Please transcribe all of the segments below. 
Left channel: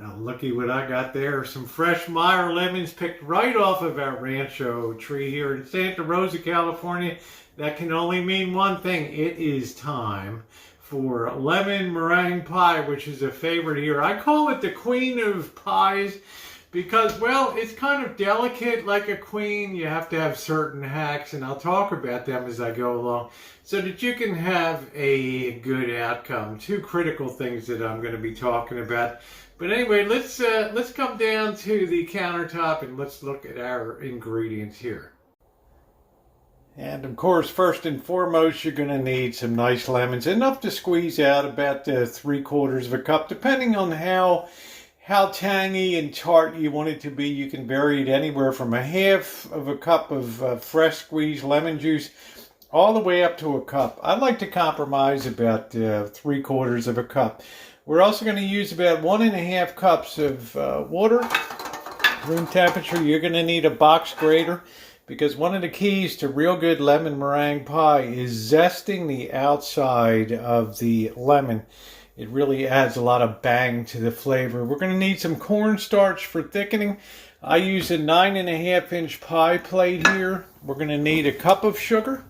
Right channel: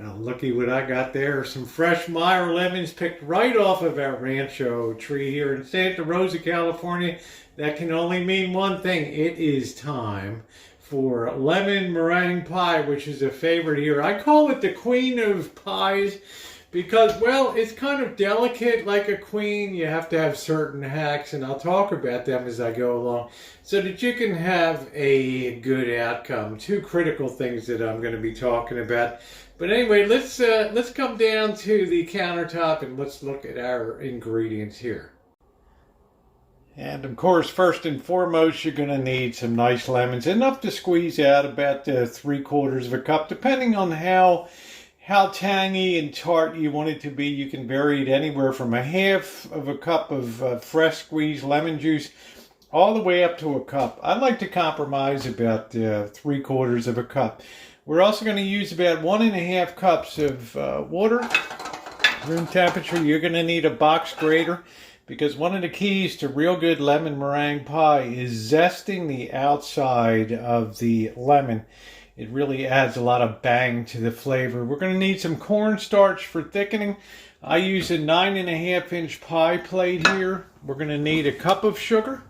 Looky what I got there. Some fresh Mare lemons picked right off of our Rancho tree here in Santa Rosa, California. That can only mean one thing. It is time for lemon meringue pie, which is a favorite here. I call it the queen of pies because, well, it's kind of delicate like a queen. You have to have certain hacks, and I'll talk about them as I go along so that you can have a good outcome. Two critical things that I'm going to be talking about. But anyway, let's come down to the countertop and let's look at our ingredients here. And of course, first and foremost, you're going to need some nice lemons, enough to squeeze out about 3/4 of a cup, depending on how tangy and tart you want it to be. You can vary it anywhere from 1/2 of a cup of fresh squeezed lemon juice all the way up to a cup. I like to compromise about 3/4 of a cup. We're also going to use about 1.5 cups of water, room temperature. You're going to need a box grater because one of the keys to real good lemon meringue pie is zesting the outside of the lemon. It really adds a lot of bang to the flavor. We're going to need some cornstarch for thickening. I use a 9.5-inch pie plate here. We're going to need a cup of sugar.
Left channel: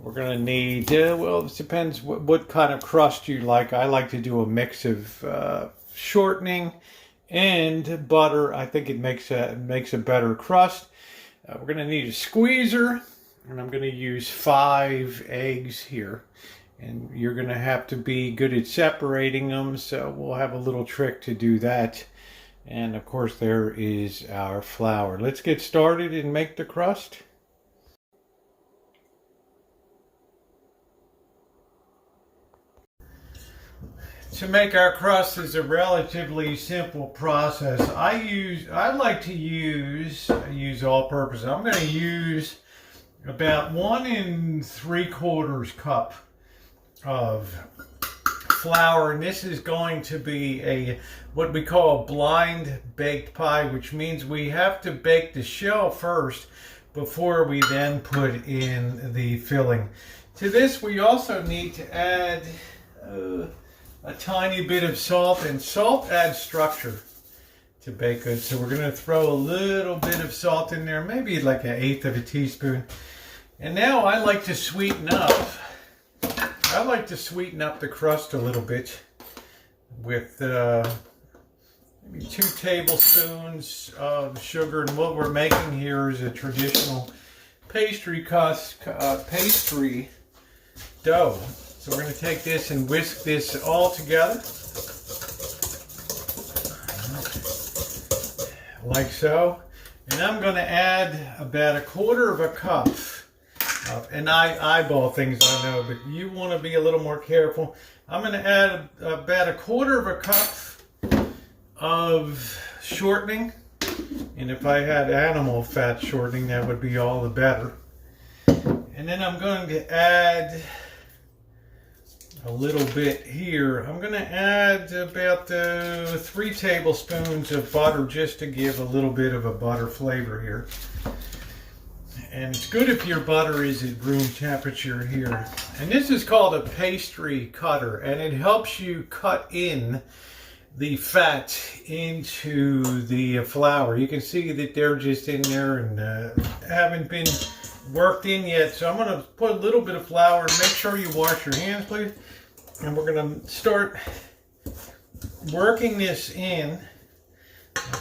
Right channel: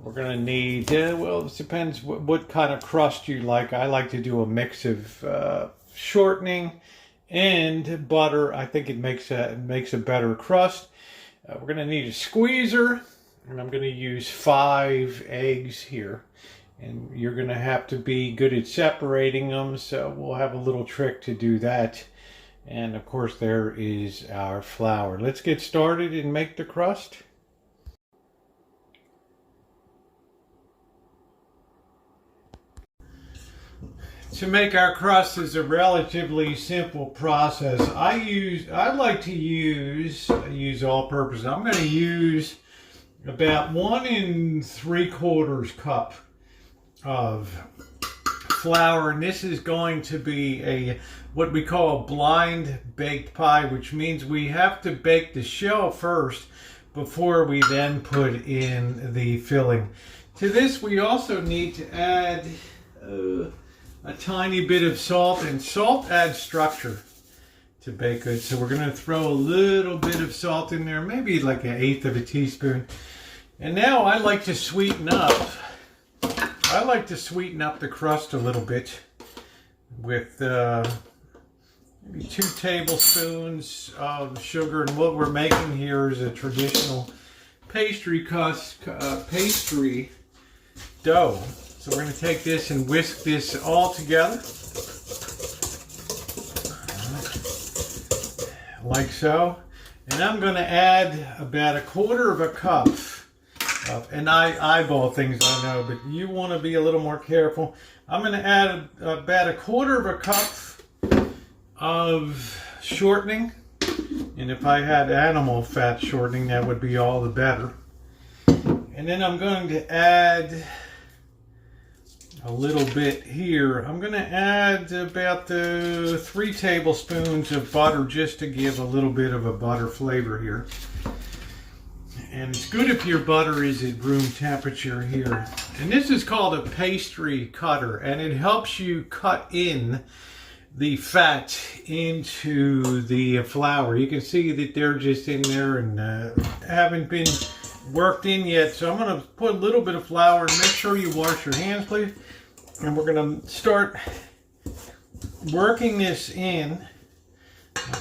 We're going to need, well, it depends what kind of crust you like. I like to do a mix of shortening and butter. I think it makes a better crust. We're going to need a squeezer, and I'm going to use 5 eggs here. And you're going to have to be good at separating them, so we'll have a little trick to do that. And of course, there is our flour. Let's get started and make the crust. To make our crust is a relatively simple process. I like to use all-purpose. I'm going to use about 1 3/4 cup of flour, and this is going to be what we call a blind baked pie, which means we have to bake the shell first before we then put in the filling. To this, we also need to add a tiny bit of salt, and salt adds structure to baked goods. So we're going to throw a little bit of salt in there, maybe like 1/8 of a teaspoon. And now I like to sweeten up the crust a little bit with maybe 2 tablespoons of sugar. And what we're making here is a traditional pastry dough. So we're going to take this and whisk this all together, like so. And I'm going to add about 1/4 of a cup and I eyeball things, I know, but you want to be a little more careful. I'm going to add about 1/4 of a cup of shortening. And if I had animal fat shortening, that would be all the better. And then I'm going to add a little bit here. I'm going to add about 3 tablespoons of butter just to give a little bit of a butter flavor here. And it's good if your butter is at room temperature here. And this is called a pastry cutter, and it helps you cut in the fat into the flour. You can see that they're just in there and haven't been worked in yet. So I'm going to put a little bit of flour. Make sure you wash your hands, please. And we're going to start working this in.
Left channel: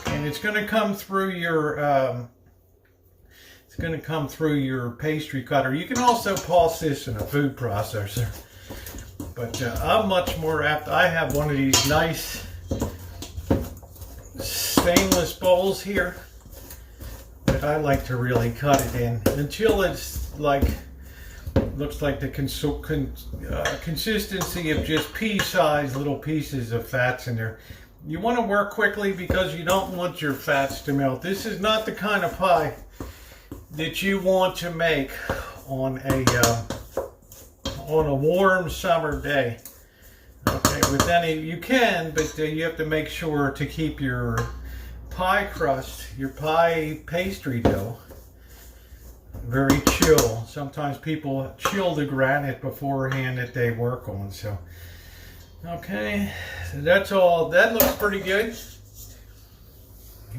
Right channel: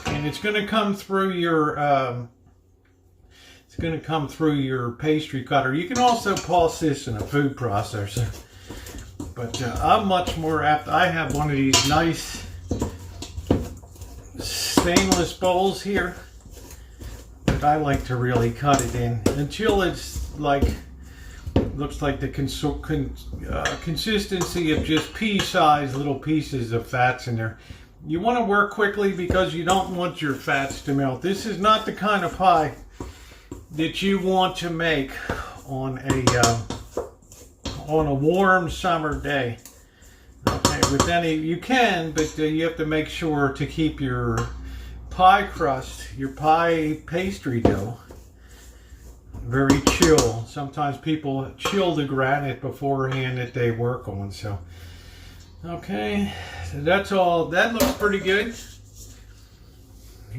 And it's going to come through your pastry cutter. You can also pulse this in a food processor. But I'm much more apt. I have one of these nice stainless bowls here that I like to really cut it in until it's looks like the consistency of just pea-sized little pieces of fats in there. You want to work quickly because you don't want your fats to melt. This is not the kind of pie that you want to make on a warm summer day. Okay, you can, but you have to make sure to keep your pie crust, your pie pastry dough, very chill. Sometimes people chill the granite beforehand that they work on. So, okay, so that's all. That looks pretty good.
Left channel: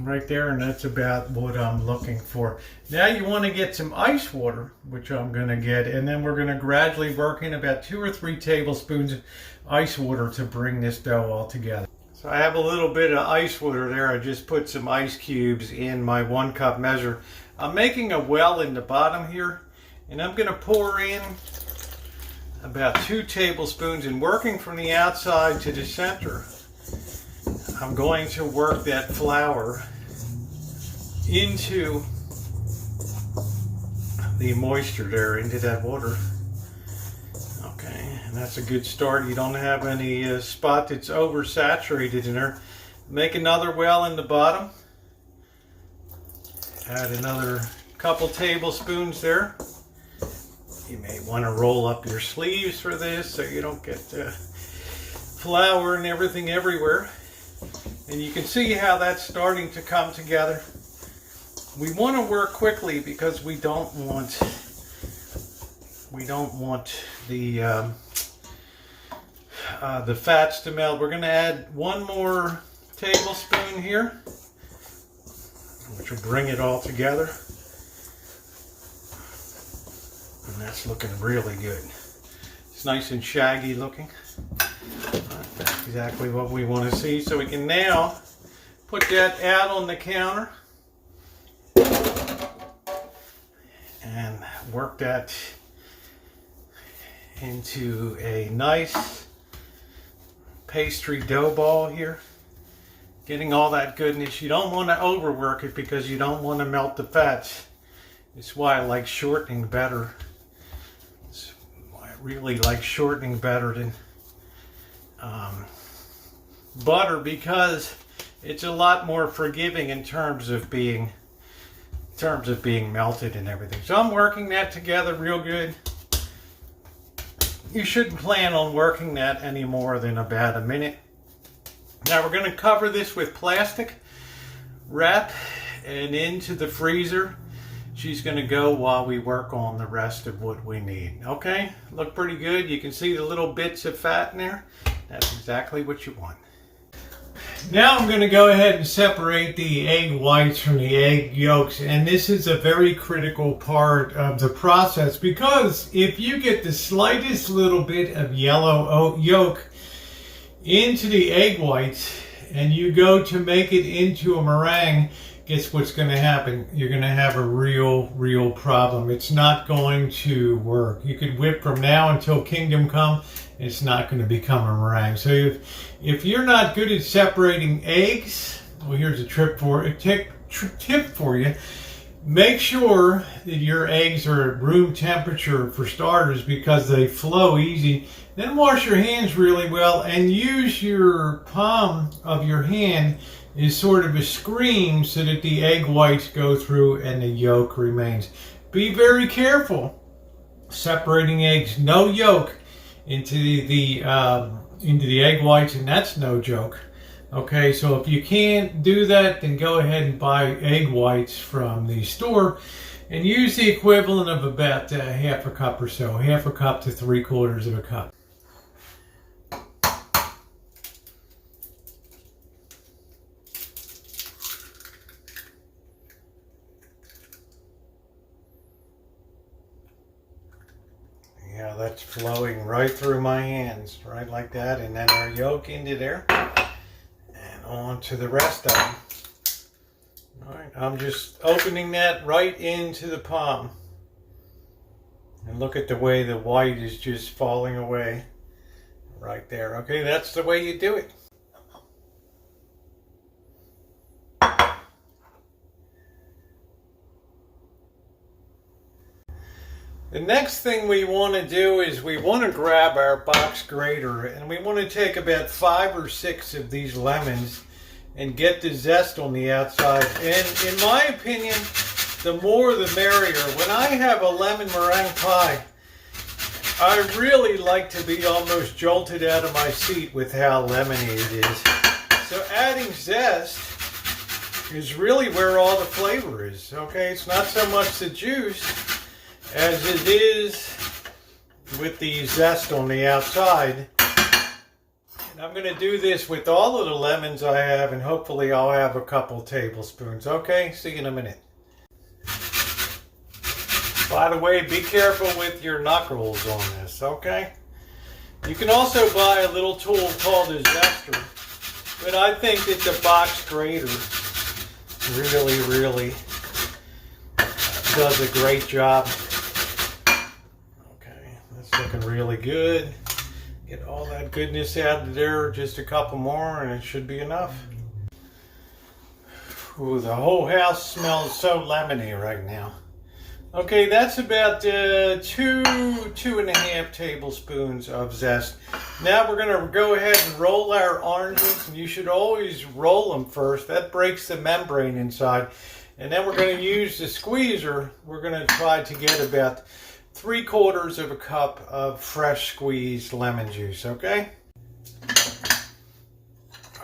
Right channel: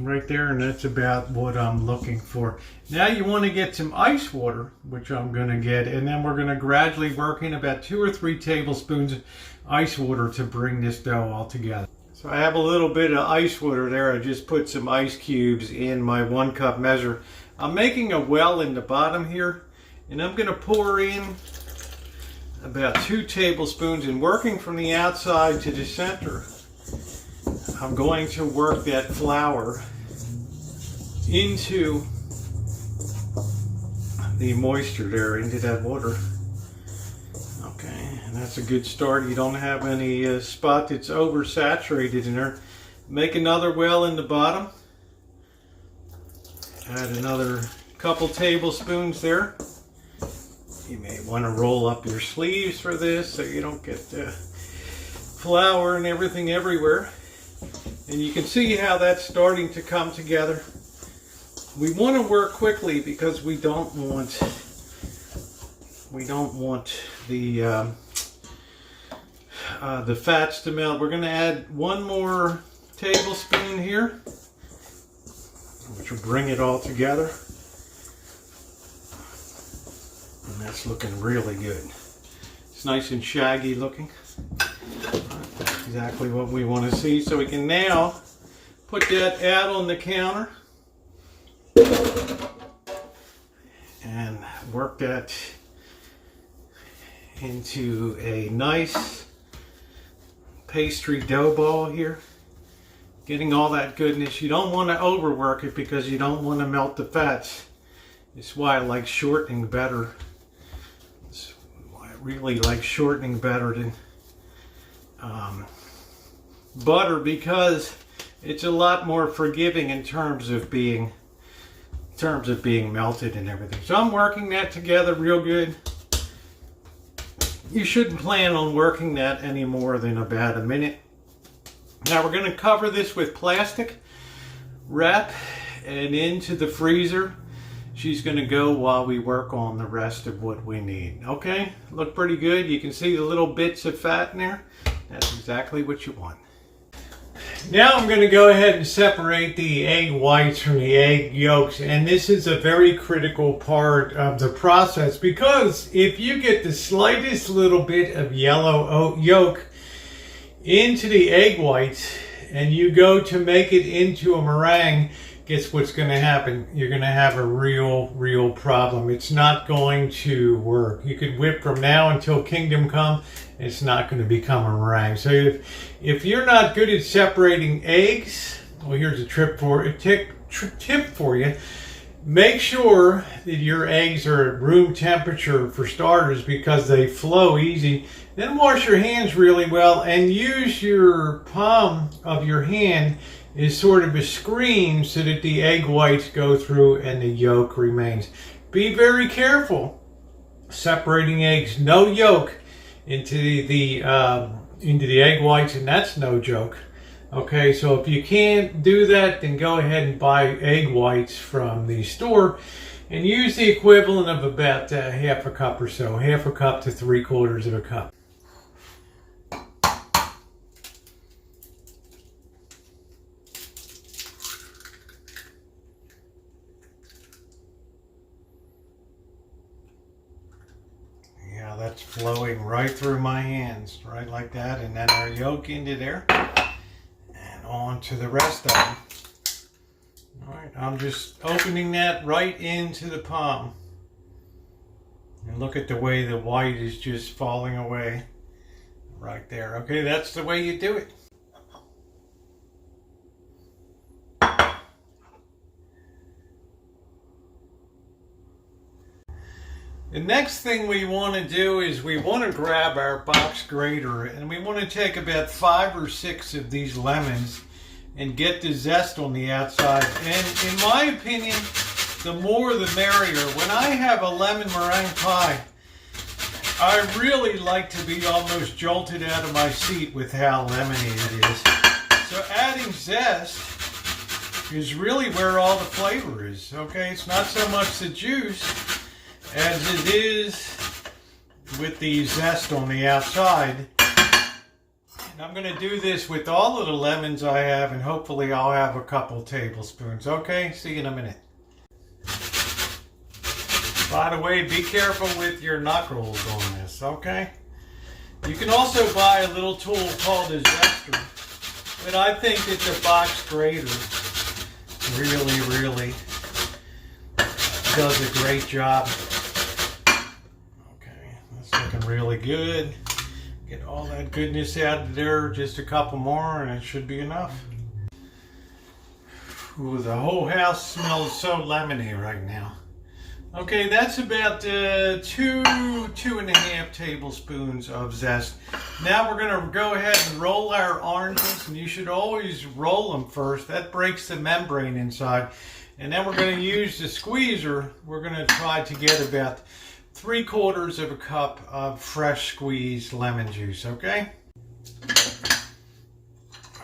right there, and that's about what I'm looking for. Now you want to get some ice water, which I'm going to get, and then we're going to gradually work in about 2 or 3 tablespoons of ice water to bring this dough all together. So I have a little bit of ice water there. I just put some ice cubes in my 1 cup measure. I'm making a well in the bottom here, and I'm going to pour in about 2 tablespoons, and working from the outside to the center, I'm going to work that flour into the moisture there, into that water. Okay, and that's a good start. You don't have any spot that's oversaturated in there. Make another well in the bottom. Add another couple tablespoons there. You may want to roll up your sleeves for this so you don't get flour and everything everywhere. And you can see how that's starting to come together. We want to work quickly because we don't want the fats to melt. We're going to add 1 more tablespoon here, which will bring it all together. And that's looking really good. It's nice and shaggy looking. That's exactly what we want to see. So we can now put that out on the counter and work that into a nice pastry dough ball here. Getting all that goodness. You don't want to overwork it because you don't want to melt the fats. It's why I like shortening better. It's why I really like shortening better than butter, because it's a lot more forgiving in terms of being melted and everything. So I'm working that together real good. You shouldn't plan on working that any more than about a minute. Now we're going to cover this with plastic wrap and into the freezer. She's going to go while we work on the rest of what we need. Okay, look pretty good. You can see the little bits of fat in there. That's exactly what you want. Now I'm going to go ahead and separate the egg whites from the egg yolks, and this is a very critical part of the process, because if you get the slightest little bit of yellow yolk into the egg whites and you go to make it into a meringue, guess what's going to happen? You're going to have a real problem. It's not going to work. You could whip from now until kingdom come. It's not going to become a meringue. So if you're not good at separating eggs, well, here's a tip for you. Make sure that your eggs are at room temperature for starters, because they flow easy. Then wash your hands really well and use your palm of your hand as sort of a screen so that the egg whites go through and the yolk remains. Be very careful separating eggs. No yolk into the egg whites, and that's no joke. Okay, so if you can't do that, then go ahead and buy egg whites from the store and use the equivalent of about half a cup or so, half a cup to 3/4 of a cup. Yeah, that's flowing right through my hands, right like that, and then our yolk into there. On to the rest of them. All right, I'm just opening that right into the palm. And look at the way the white is just falling away right there. Okay, that's the way you do it. The next thing we want to do is we want to grab our box grater, and we want to take about 5 or 6 of these lemons and get the zest on the outside. And in my opinion, the more the merrier. When I have a lemon meringue pie, I really like to be almost jolted out of my seat with how lemony it is. So adding zest is really where all the flavor is. Okay, it's not so much the juice as it is with the zest on the outside. I'm going to do this with all of the lemons I have, and hopefully I'll have a couple tablespoons. Okay, see you in a minute. By the way, be careful with your knuckles on this, okay? You can also buy a little tool called a zester, but I think that the box grater really does a great job. Okay, that's looking really good. Get all that goodness out of there, just a couple more and it should be enough. Ooh, the whole house smells so lemony right now. Okay, that's about 2.5 tablespoons of zest. Now we're going to go ahead and roll our oranges, and you should always roll them first. That breaks the membrane inside. And then we're going to use the squeezer. We're going to try to get about 3/4 cup of fresh squeezed lemon juice, okay?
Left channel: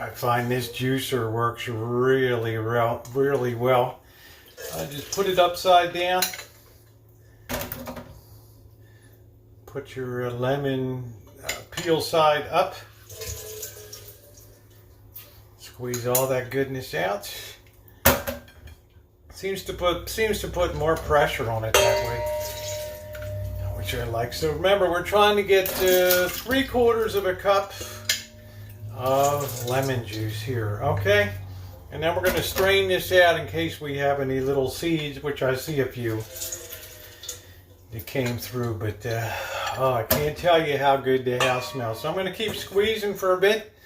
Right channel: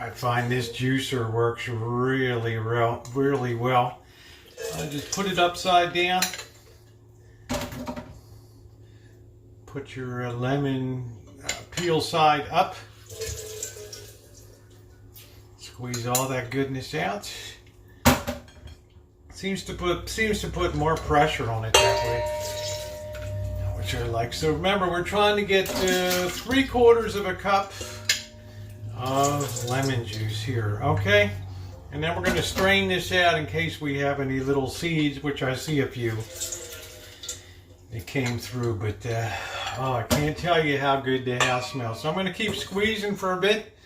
I find this juicer works really well. I just put it upside down. Put your lemon peel side up. Squeeze all that goodness out. Seems to put more pressure on it that way, which I like. So remember, we're trying to get 3/4 cup of lemon juice here, okay? And then we're going to strain this out in case we have any little seeds, which I see a few that came through, but oh, I can't tell you how good the house smells. So I'm going to keep squeezing for a bit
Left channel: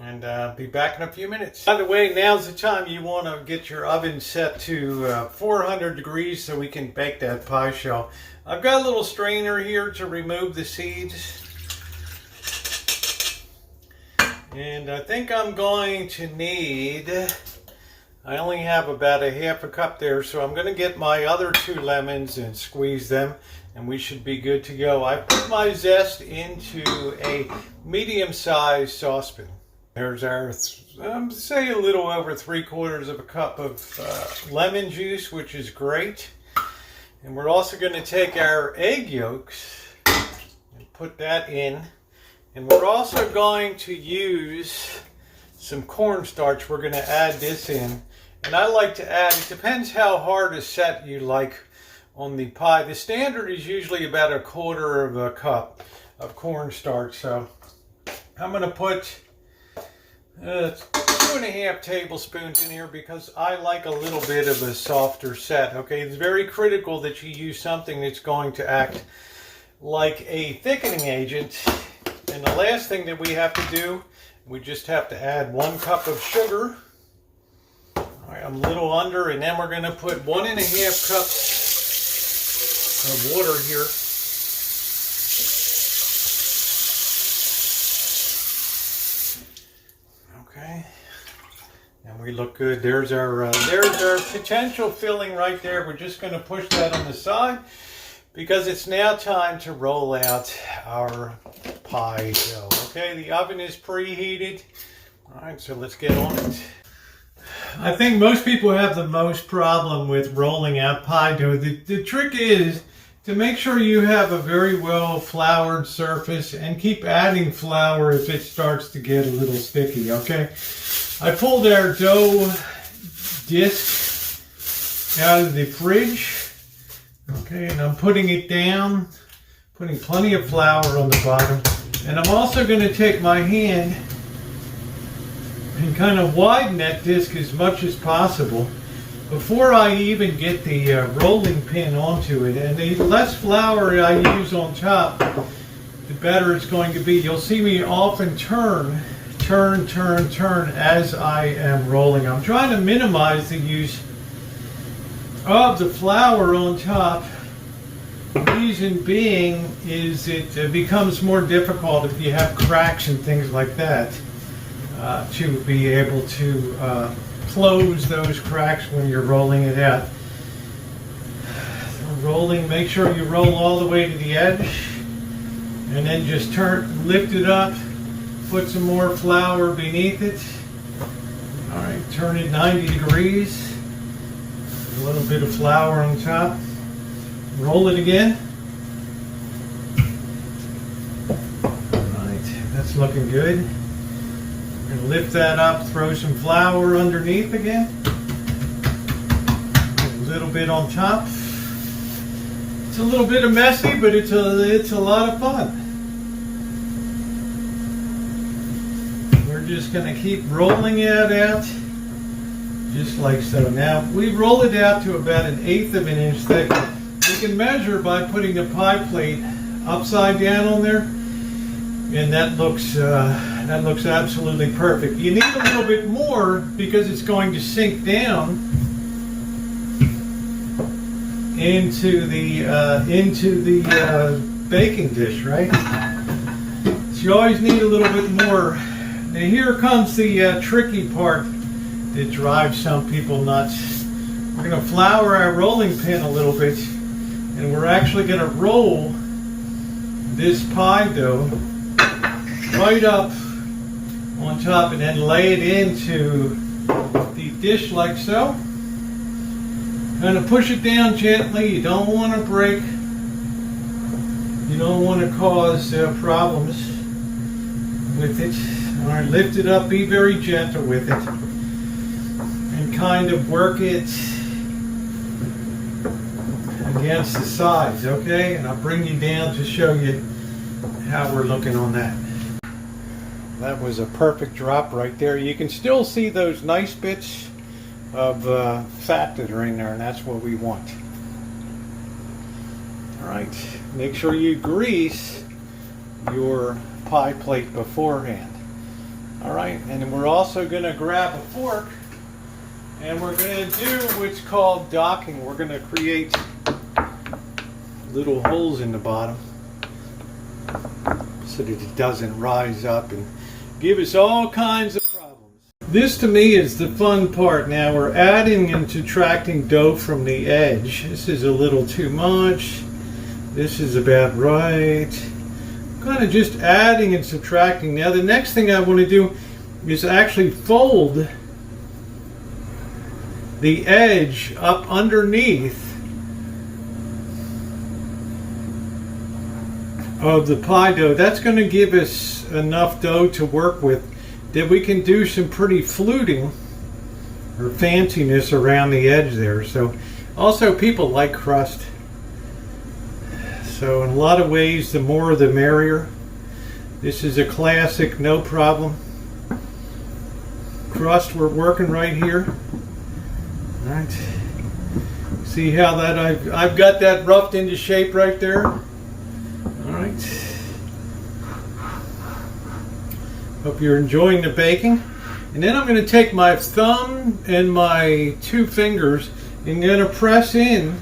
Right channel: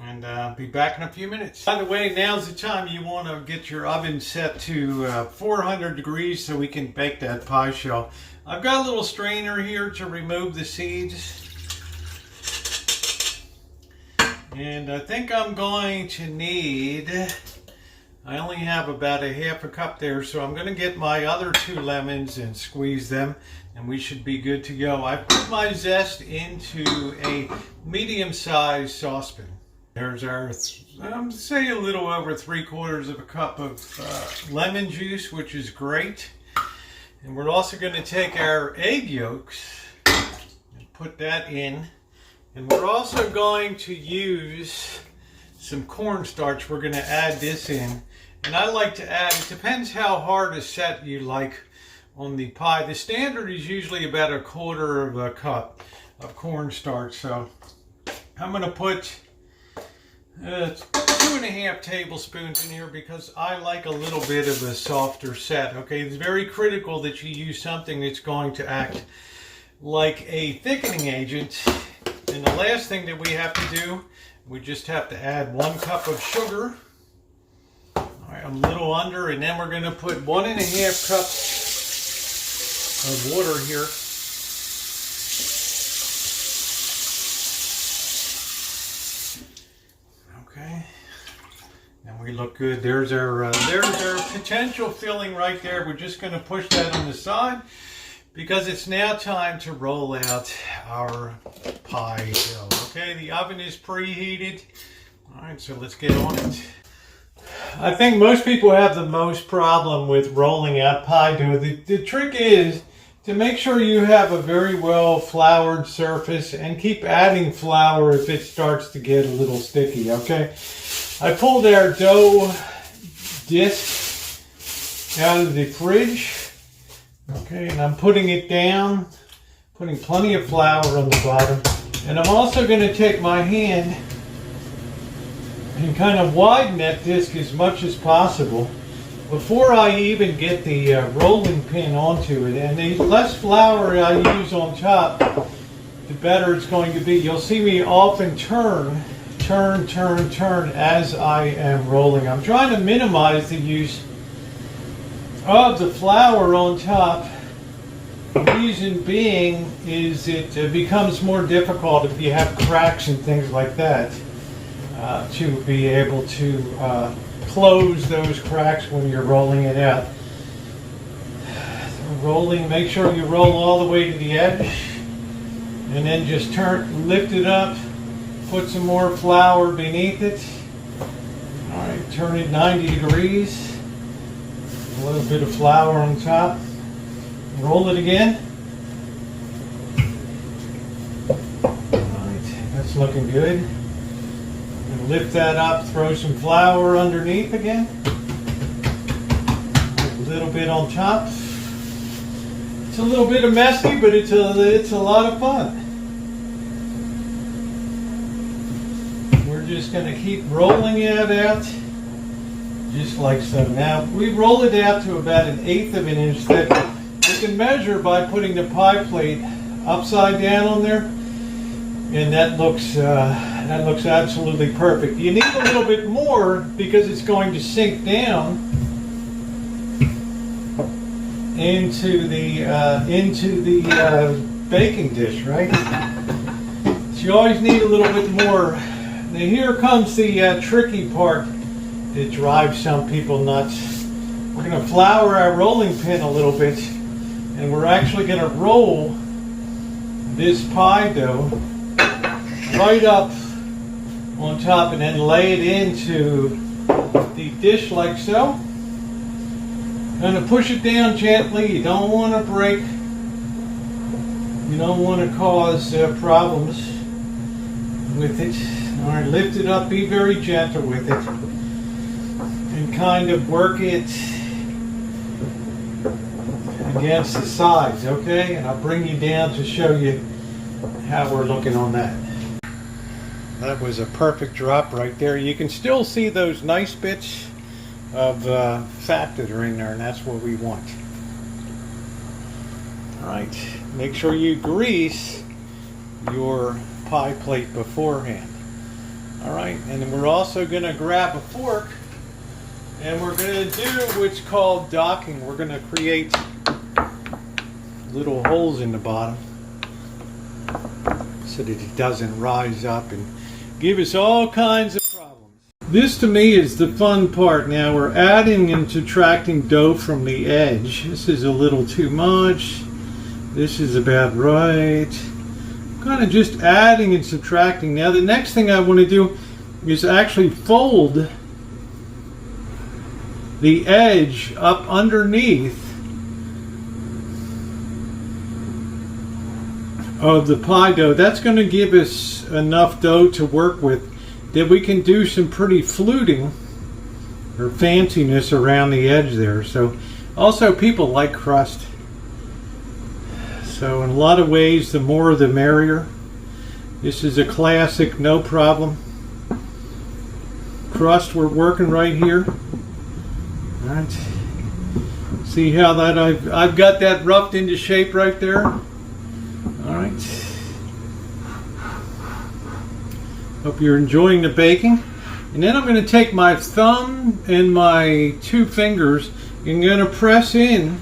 and be back in a few minutes. By the way, now's the time you want to get your oven set to 400 degrees so we can bake that pie shell. I've got a little strainer here to remove the seeds. And I think I'm going to need, I only have about 1/2 cup there, so I'm going to get my other 2 lemons and squeeze them, and we should be good to go. I put my zest into a medium-sized saucepan. There's our, say a little over 3/4 cup of lemon juice, which is great. And we're also going to take our egg yolks and put that in. And we're also going to use some cornstarch. We're going to add this in. And I like to add, it depends how hard a set you like on the pie. The standard is usually about 1/4 cup of cornstarch. So I'm going to put 2.5 tablespoons in here because I like a little bit of a softer set. Okay, it's very critical that you use something that's going to act like a thickening agent. And the last thing that we have to do, we just have to add 1 cup of sugar. All right, I'm a little under, and then we're going to put 1.5 cups of water here. Okay, and we look good. There's our potential filling right there. We're just going to push that on the side, because it's now time to roll out our pie dough. Okay, the oven is preheated. All right, so let's get on it. I think most people have the most problem with rolling out pie dough. The trick is to make sure you have a very well floured surface and keep adding flour if it starts to get a little sticky, okay? I pulled our dough disc out of the fridge. Okay, and I'm putting it down, putting plenty of flour on the bottom. And I'm also going to take my hand and kind of widen that disc as much as possible before I even get the rolling pin onto it. And the less flour I use on top, the better it's going to be. You'll see me often turn as I am rolling. I'm trying to minimize the use of the flour on top. The reason being is it becomes more difficult if you have cracks and things like that to be able to close those cracks when you're rolling it out. Rolling, make sure you roll all the way to the edge, and then just lift it up, put some more flour beneath it. All right, turn it 90 degrees. A little bit of flour on top. Roll it again. All right, that's looking good. Lift that up, throw some flour underneath again. A little bit on top. It's a little bit messy, but it's a lot of fun. We're just going to keep rolling it out, just like so. Now, we roll it out to about 1/8 of an inch thick. We can measure by putting the pie plate upside down on there, and that looks absolutely perfect. You need a little bit more because it's going to sink down into the baking dish, right? So you always need a little bit more. Now here comes the tricky part that drives some people nuts. We're going to flour our rolling pin a little bit, and we're actually going to roll this pie dough right up on top and then lay it into the dish like so. Kind of push it down gently. You don't want to break. You don't want to cause problems with it. All right, lift it up. Be very gentle with it, and kind of work it against the sides. Okay, and I'll bring you down to show you how we're looking on that. That was a perfect drop right there. You can still see those nice bits of fat that are in there, and that's what we want. All right, make sure you grease your pie plate beforehand. All right, and then we're also going to grab a fork, and we're going to do what's called docking. We're going to create little holes in the bottom so that it doesn't rise up and give us all kinds of problems. This to me is the fun part. Now we're adding and subtracting dough from the edge. This is a little too much. This is about right. Kind of just adding and subtracting. Now the next thing I want to do is actually fold the edge up underneath of the pie dough. That's going to give us enough dough to work with that we can do some pretty fluting or fanciness around the edge there. So also people like crust. So in a lot of ways, the more the merrier. This is a classic, no problem. Crust, we're working right here. All right. See how that I've got that roughed into shape right there. All right. Hope you're enjoying the baking. And then I'm going to take my thumb and my 2 fingers and going to press in,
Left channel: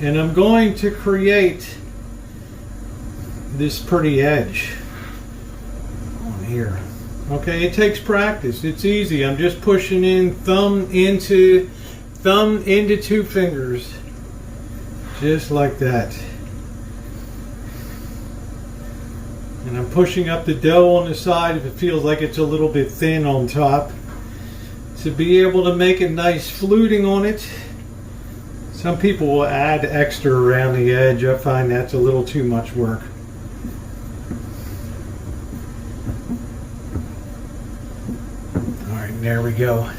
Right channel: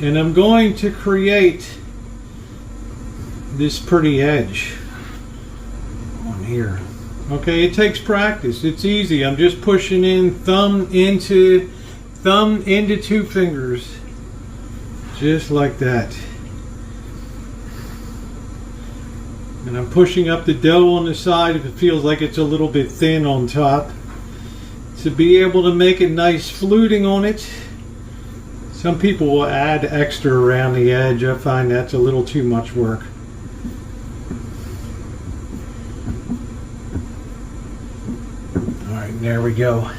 and I'm going to create this pretty edge on here. Okay, it takes practice. It's easy. I'm just pushing in thumb into 2 fingers, just like that. And I'm pushing up the dough on the side if it feels like it's a little bit thin on top, to be able to make a nice fluting on it. Some people will add extra around the edge. I find that's a little too much work. All right, there we go.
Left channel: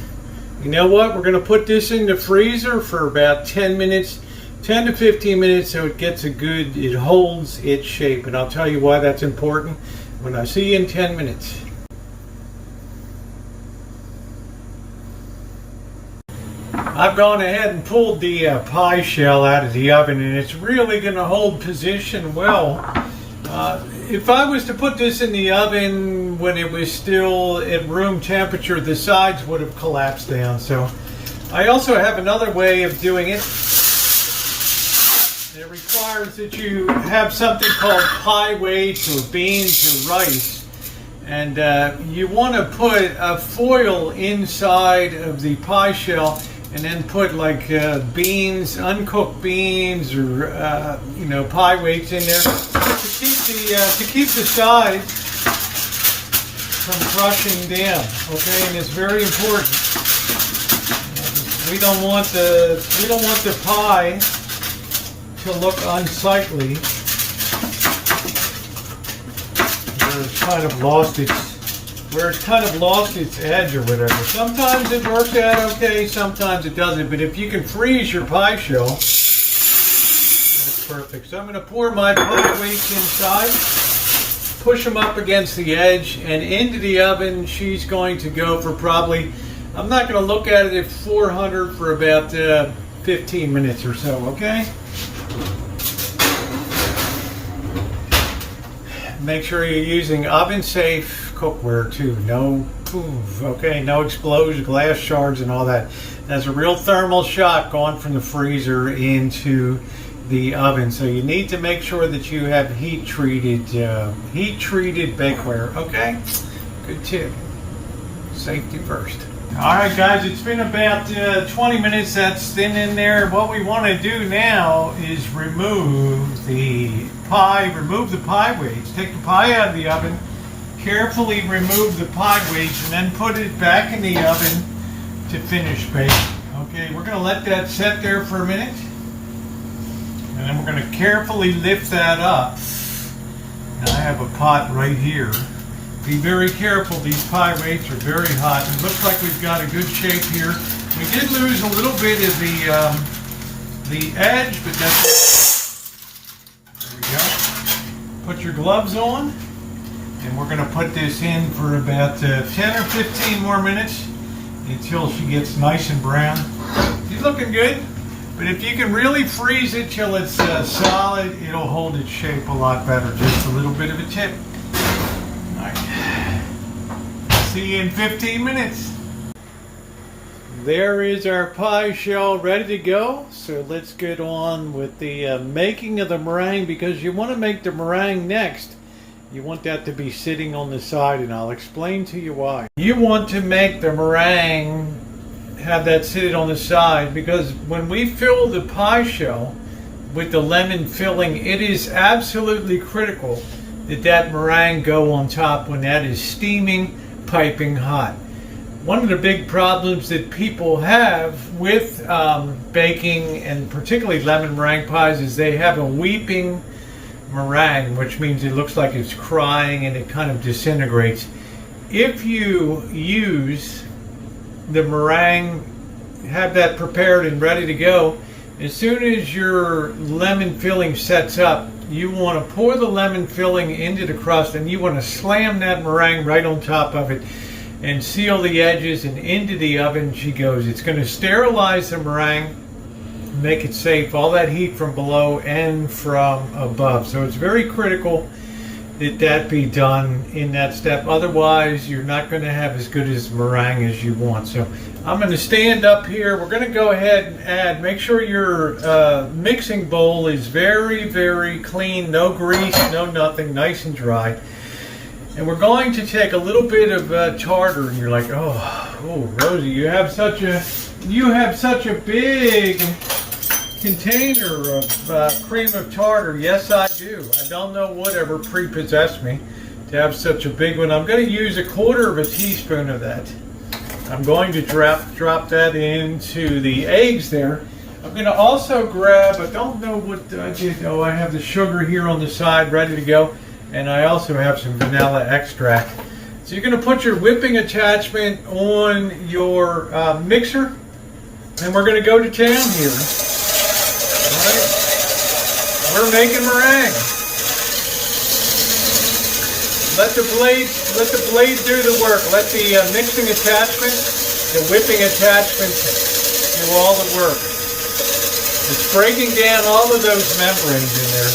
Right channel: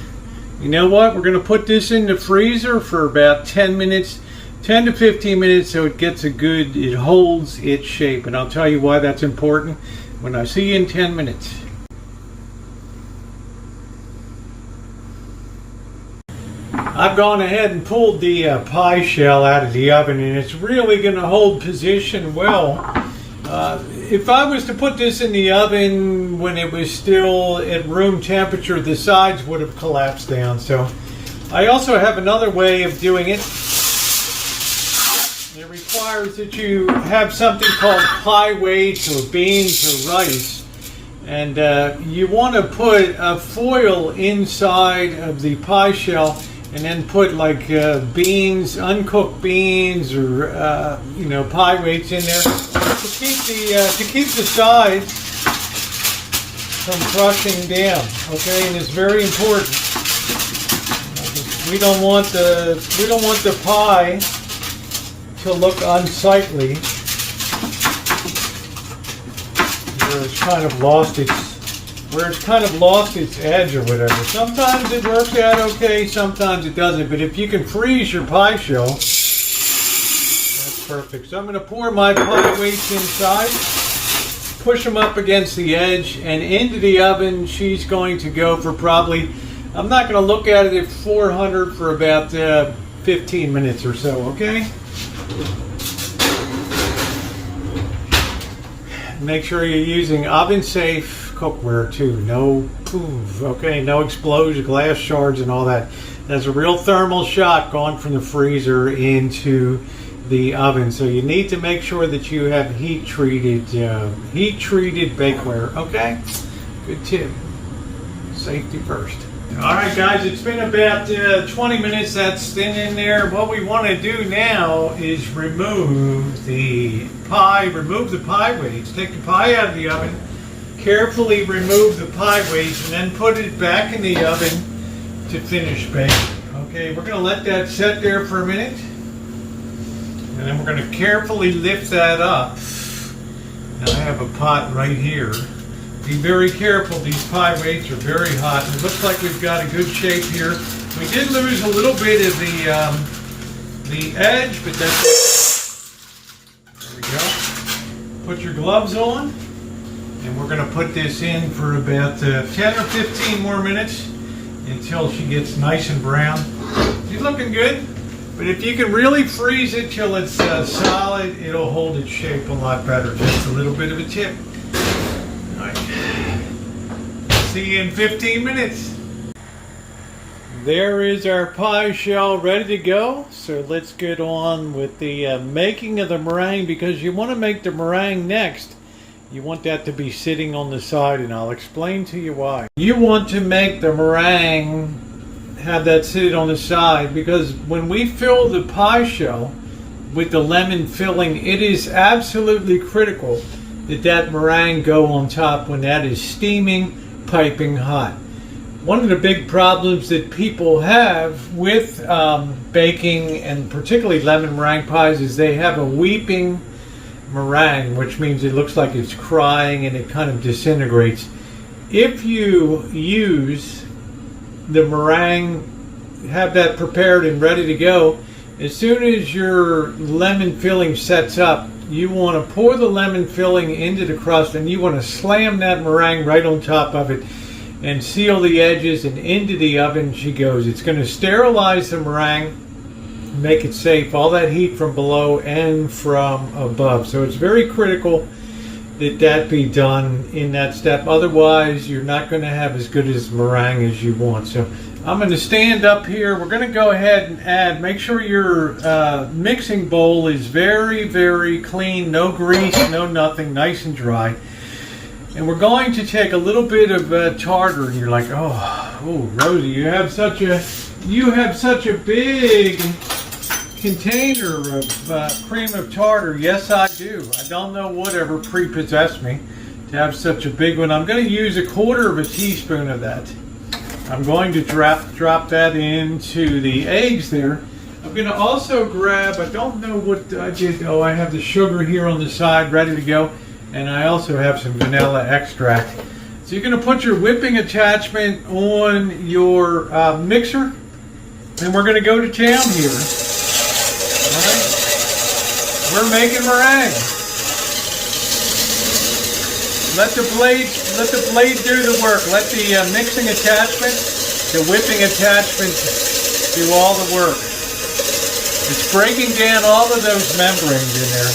You know what? We're going to put this in the freezer for about 10 minutes. 10 to 15 minutes, so it holds its shape. And I'll tell you why that's important when I see you in 10 minutes. I've gone ahead and pulled the pie shell out of the oven, and it's really going to hold position well. If I was to put this in the oven when it was still at room temperature, the sides would have collapsed down. So I also have another way of doing it. It requires that you have something called pie weights or beans or rice, and you want to put a foil inside of the pie shell, and then put like beans, uncooked beans, or pie weights in there to keep the sides from crushing down. Okay, and it's very important. We don't want the pie to look unsightly. It's kind of lost its where it's kind of lost its edge or whatever. Sometimes it works out okay, sometimes it doesn't. But if you can freeze your pie shell, that's perfect. So I'm going to pour my pie weights inside, push them up against the edge, and into the oven. She's going to go for probably, I'm not going to look at it at 400 for about 15 minutes or so, okay? Make sure you're using oven-safe cookware too. No poof, okay? No explosion, glass shards, and all that. That's a real thermal shock going from the freezer into the oven. So you need to make sure that you have heat-treated bakeware. Okay, good tip. Safety first. All right, guys, it's been about 20 minutes. That's thin in there. What we want to do now is remove the pie weights. Take the pie out of the oven, carefully remove the pie weights, and then put it back in the oven to finish baking. Okay, we're going to let that set there for a minute, and then we're going to carefully lift that up. Now I have a pot right here. Be very careful, these pie weights are very hot. It looks like we've got a good shape here. We did lose a little bit of the edge, but that's it. There we go. Put your gloves on, and we're going to put this in for about 10 or 15 more minutes until she gets nice and brown. She's looking good, but if you can really freeze it till it's solid, it'll hold its shape a lot better. Just a little bit of a tip. See you in 15 minutes. There is our pie shell ready to go. So let's get on with the making of the meringue, because you want to make the meringue next. You want that to be sitting on the side, and I'll explain to you why. You want to make the meringue, have that sitting on the side, because when we fill the pie shell with the lemon filling, it is absolutely critical that that meringue go on top when that is steaming, piping hot. One of the big problems that people have with baking, and particularly lemon meringue pies, is they have a weeping meringue, which means it looks like it's crying and it kind of disintegrates. If you use the meringue, have that prepared and ready to go, as soon as your lemon filling sets up, you want to pour the lemon filling into the crust, and you want to slam that meringue right on top of it and seal the edges, and into the oven she goes. It's going to sterilize the meringue, make it safe, all that heat from below and from above. So it's very critical that that be done in that step. Otherwise, you're not going to have as good as meringue as you want. So I'm going to stand up here. We're going to go ahead and add. Make sure your mixing bowl is very, very clean. No grease, no nothing. Nice and dry. And we're going to take a little bit of tartar. And you're like, oh, Rosie, you have such a big container of cream of tartar. Yes, I do. I don't know whatever prepossessed me to have such a big one. I'm going to use 1/4 teaspoon of that. I'm going to drop that into the eggs there. I'm going to also grab, I don't know what I did. Oh, I have the sugar here on the side ready to go. And I also have some vanilla extract. So you're going to put your whipping attachment on your mixer. And we're going to go to town here. All right. We're making meringue. Let the blade do the work. Let the mixing attachment, the whipping attachment, do all the work. It's breaking down all of those membranes in there.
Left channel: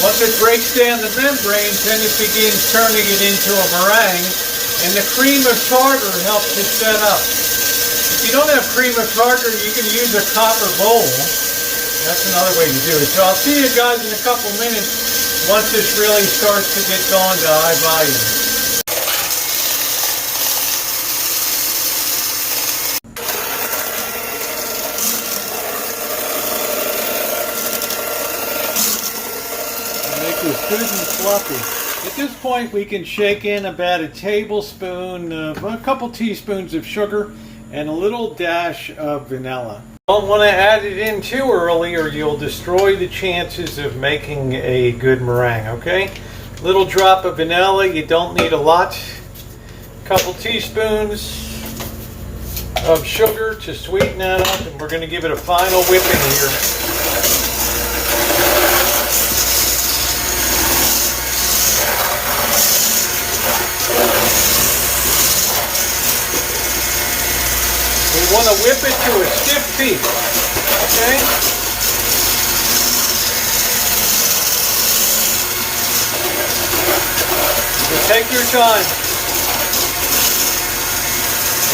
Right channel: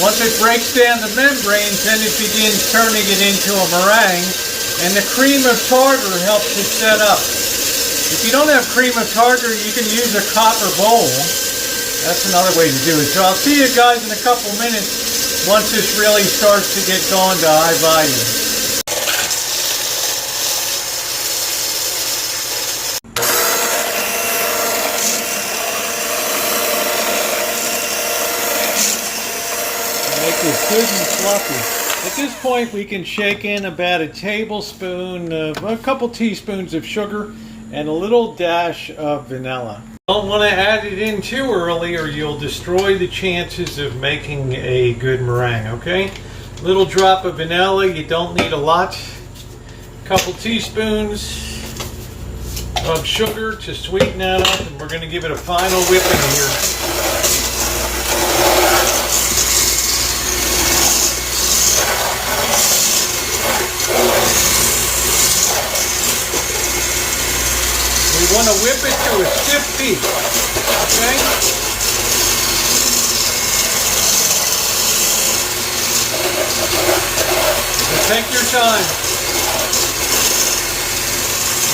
Once it breaks down the membranes, then it begins turning it into a meringue, and the cream of tartar helps it set up. If you don't have cream of tartar, you can use a copper bowl. That's another way to do it. So I'll see you guys in a couple minutes once this really starts to get gone to high volume. Make this good and fluffy. At this point, we can shake in about a tablespoon, a couple teaspoons of sugar, and a little dash of vanilla. Don't want to add it in too early or you'll destroy the chances of making a good meringue, okay? Little drop of vanilla, you don't need a lot. Couple teaspoons of sugar to sweeten that up, and we're going to give it a final whipping here. We want to whip it to a stiff peak, okay? So take your time.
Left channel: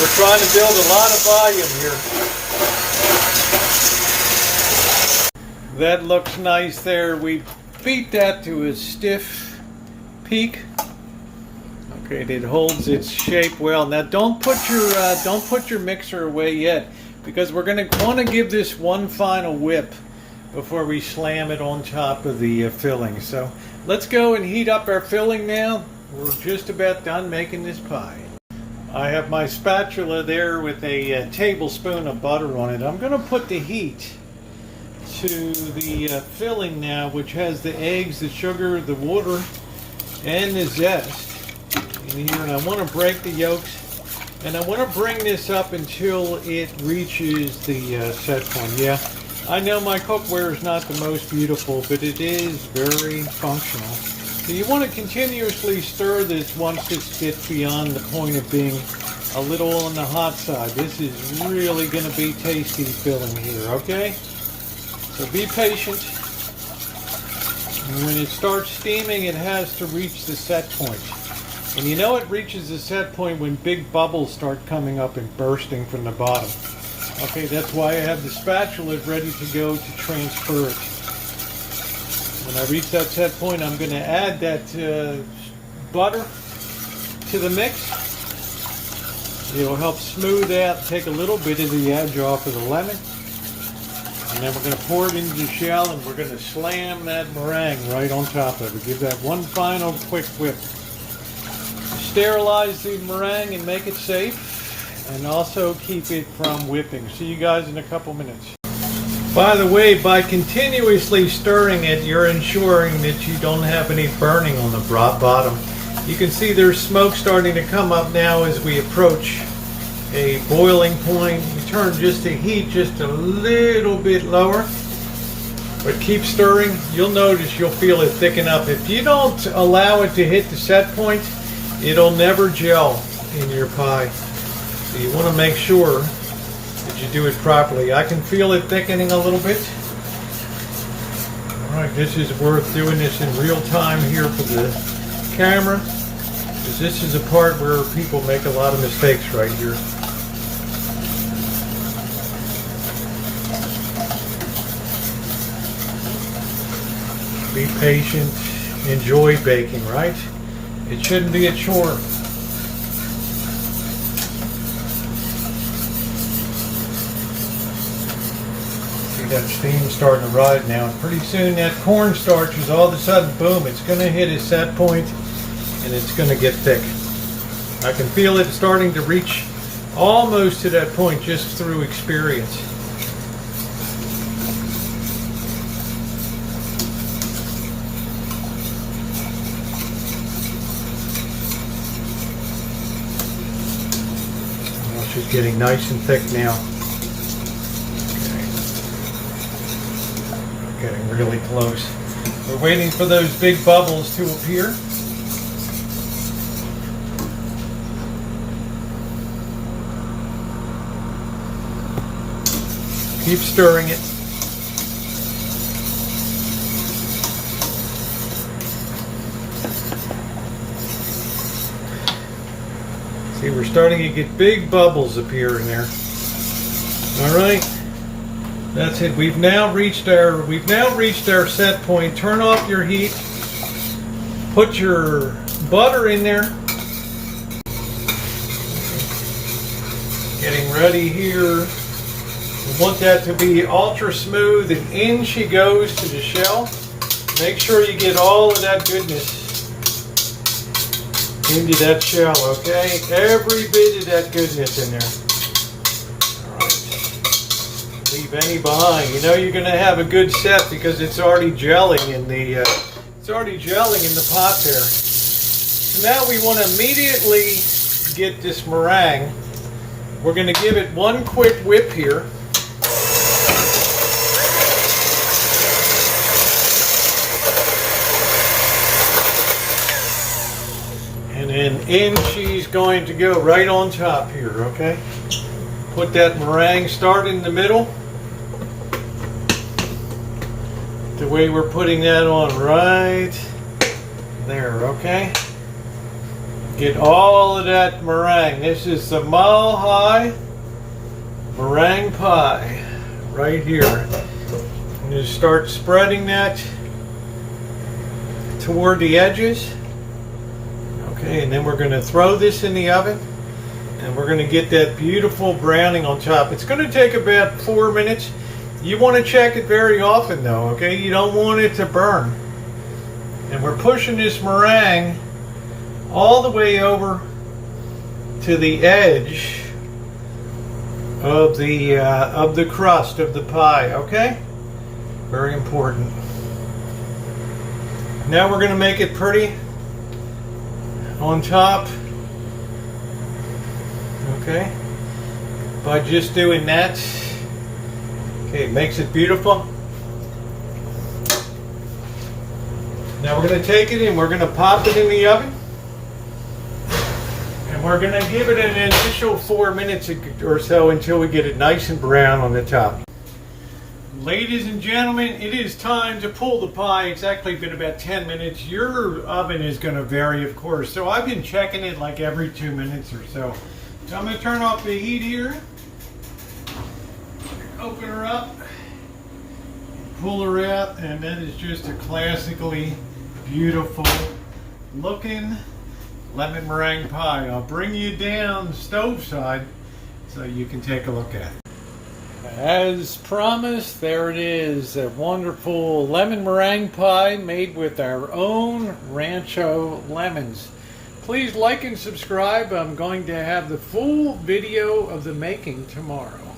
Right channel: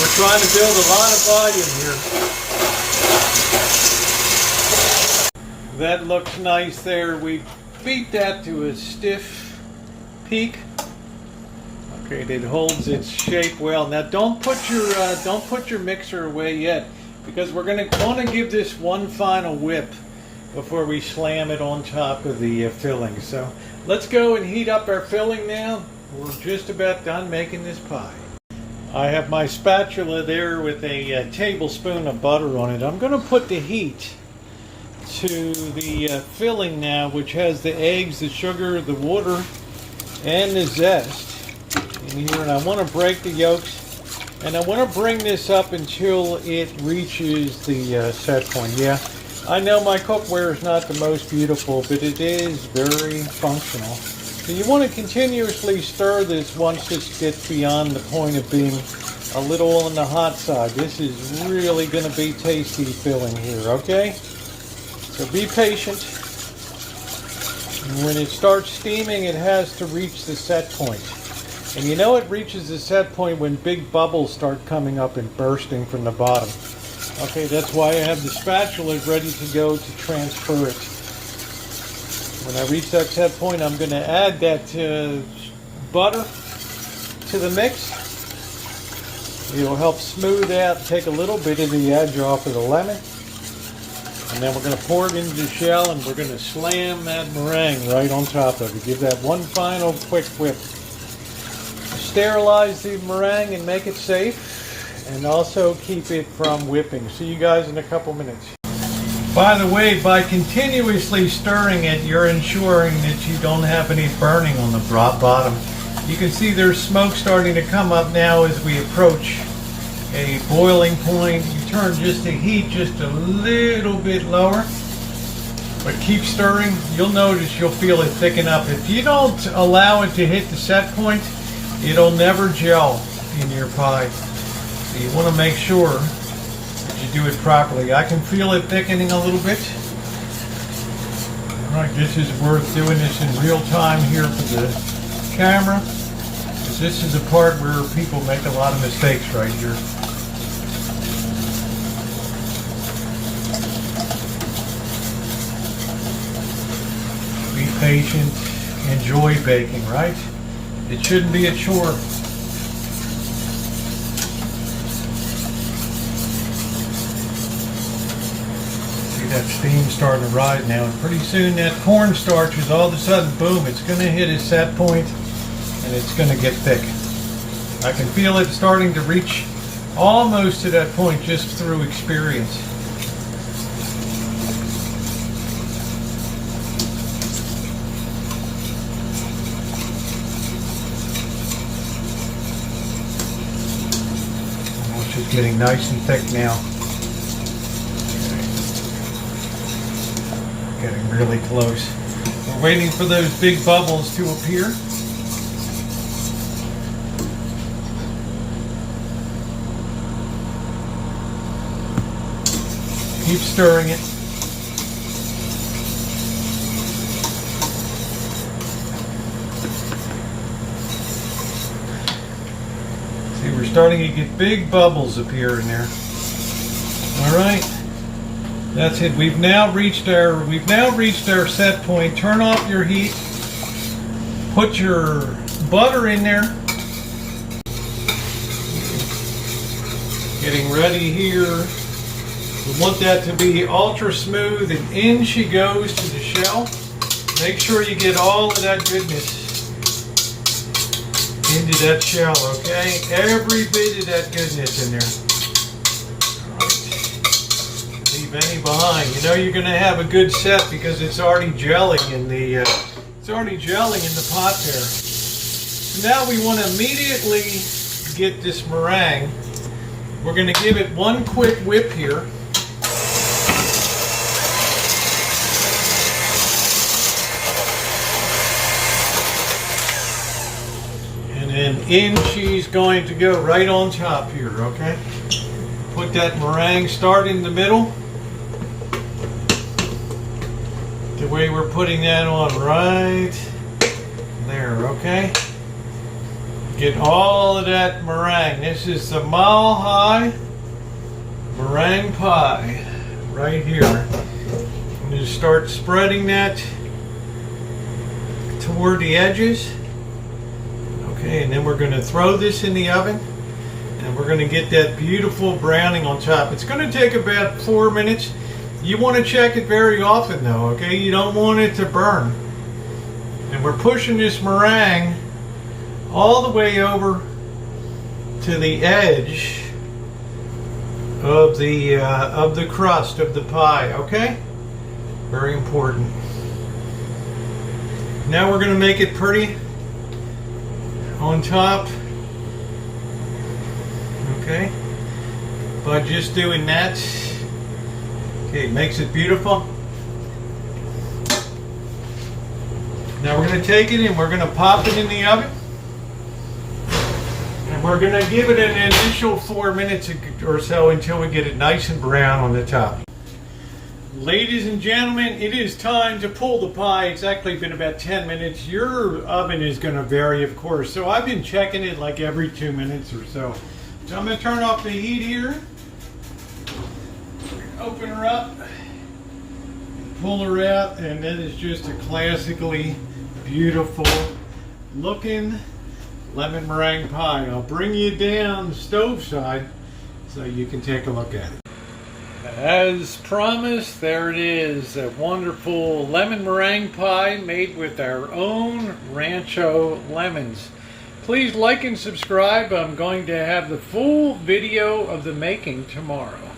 We're trying to build a lot of volume here. That looks nice there. We beat that to a stiff peak. Okay, it holds its shape well. Now don't put your mixer away yet, because we're going to want to give this one final whip before we slam it on top of the filling. So let's go and heat up our filling now. We're just about done making this pie. I have my spatula there with a tablespoon of butter on it. I'm going to put the heat to the filling now, which has the eggs, the sugar, the water, and the zest. And I want to break the yolks, and I want to bring this up until it reaches the set point. Yeah, I know my cookware is not the most beautiful, but it is very functional. So you want to continuously stir this once this gets beyond the point of being a little on the hot side. This is really going to be tasty filling here, okay? So be patient. And when it starts steaming, it has to reach the set point. And you know it reaches the set point when big bubbles start coming up and bursting from the bottom. Okay, that's why I have the spatula ready to go to transfer it. When I reach that set point, I'm going to add that butter to the mix. It'll help smooth out, take a little bit of the edge off of the lemon. And then we're going to pour it into the shell, and we're going to slam that meringue right on top of it. Give that one final quick whip. Sterilize the meringue and make it safe, and also keep it from whipping. See you guys in a couple minutes. By the way, by continuously stirring it, you're ensuring that you don't have any burning on the bottom. You can see there's smoke starting to come up now as we approach a boiling point. You turn just the heat just a little bit lower, but keep stirring. You'll notice you'll feel it thicken up. If you don't allow it to hit the set point, it'll never gel in your pie. So you want to make sure that you do it properly. I can feel it thickening a little bit. All right, this is worth doing this in real time here for the camera, because this is a part where people make a lot of mistakes right here. Be patient, enjoy baking, right? It shouldn't be a chore. See that steam starting to rise now, and pretty soon that cornstarch is all of a sudden, boom, it's going to hit its set point, and it's going to get thick. I can feel it starting to reach almost to that point just through experience. It's getting nice and thick now. Okay. Getting really close. We're waiting for those big bubbles to appear. Keep stirring it. See, we're starting to get big bubbles appear in there. All right, that's it. We've now reached our set point. Turn off your heat. Put your butter in there. Getting ready here. We want that to be ultra smooth, and in she goes to the shell. Make sure you get all of that goodness into that shell, okay? Every bit of that goodness in there. All right. Be Benny behind. You know you're going to have a good set because it's already gelling in the pot there. So now we want to immediately get this meringue. We're going to give it one quick whip here. And then in she's going to go right on top here, okay? Put that meringue start in the middle. The way we're putting that on right there, okay? Get all of that meringue. This is the Mile High meringue pie right here. Just start spreading that toward the edges. Okay, and then we're going to throw this in the oven. And we're going to get that beautiful browning on top. It's going to take about 4 minutes. You want to check it very often though, okay? You don't want it to burn. And we're pushing this meringue all the way over to the edge of the crust of the pie, okay? Very important. Now we're going to make it pretty on top, okay? By just doing that. Okay, it makes it beautiful. Now we're going to take it and we're going to pop it in the oven. And we're going to give it an initial 4 minutes or so until we get it nice and brown on the top. Ladies and gentlemen, it is time to pull the pie. It's actually been about 10 minutes. Your oven is going to vary, of course. So I've been checking it like every 2 minutes or so. So I'm going to turn off the heat here. Open her up, pull her out, and that is just a classically beautiful looking lemon meringue pie. I'll bring you down stove side so you can take a look at it. As promised, there it is, a wonderful lemon meringue pie made with our own Rancho lemons. Please like and subscribe. I'm going to have the full video of the making tomorrow.